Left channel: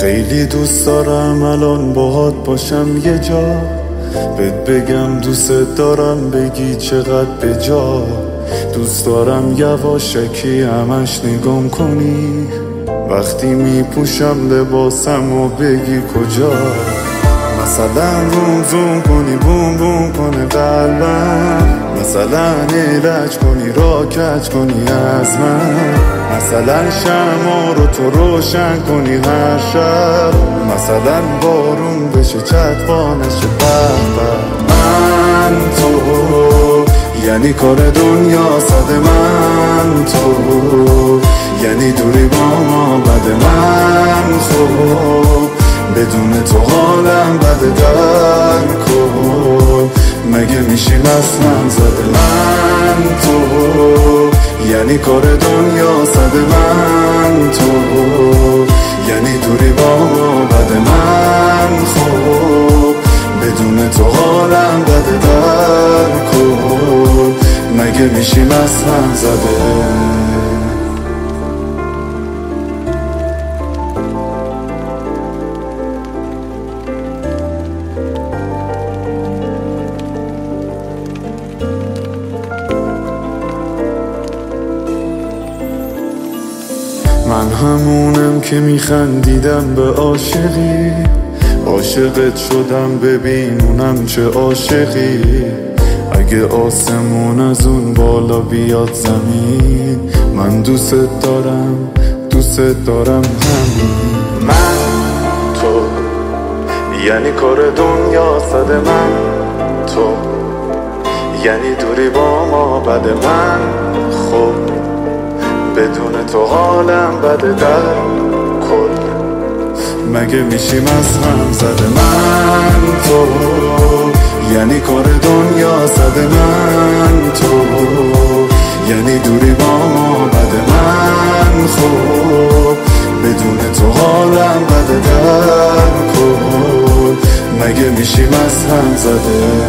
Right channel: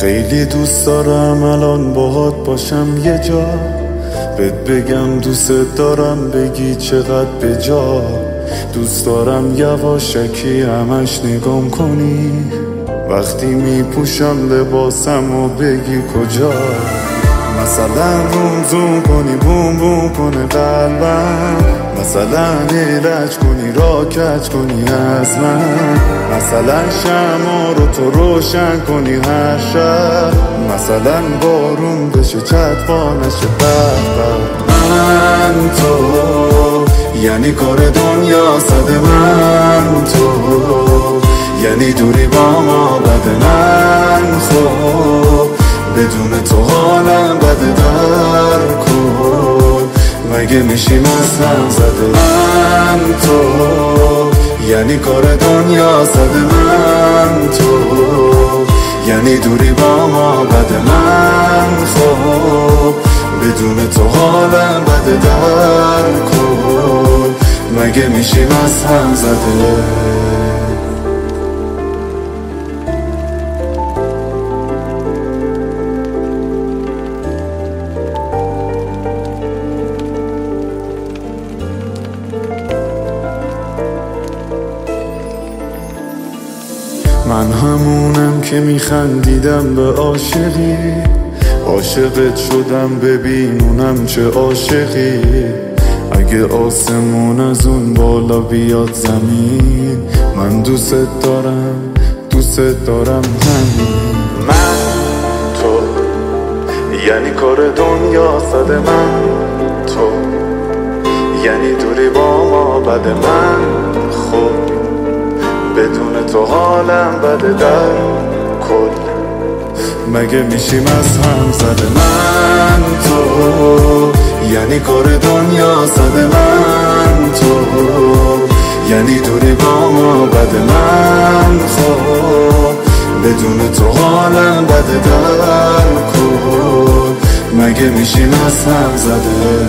خیلی دوست دارم الان باهات باشم یه جا، بهت بگم دوست دارم بگی چقدر به جا. دوست دارم یواشکی همش نگام کنی وقتی میپوشم لباسم و بگی کجا. مثلا روم زوم کنی بوم بوم کنه قلبم، مثلا ایلج کنی را کج کنی از من، مثلا شمع رو تو روشن کنی هر شب، مثلا بارون بشه چتفا نشه به. من تو یعنی کار دنیا صد، من تو یعنی دوری با ما بد، من خب بدون تو حالم بده در کل، مگه میشیم از هم زده. من تو یعنی کار دنیا صد، من تو یعنی دوری با ما بده، من خب بدون تو حالم بده در کل، مگه میشیم از هم زده. من همونم که میخندیدم به عاشقی، عاشقت شدم ببین اونم چه عاشقی. اگه آسمون از اون بالا بیاد زمین، من دوست دارم همین. من تو یعنی کار دنیا صد، من تو یعنی دوری با ما بده، من خب بدون تو حالم بده در کل، مگه میشیم از هم زده. من تو یعنی کار دنیا صد، من تو یعنی دوری با ما بده، من خب بدون تو حالم بده در کل، مگه میشیم از هم زده.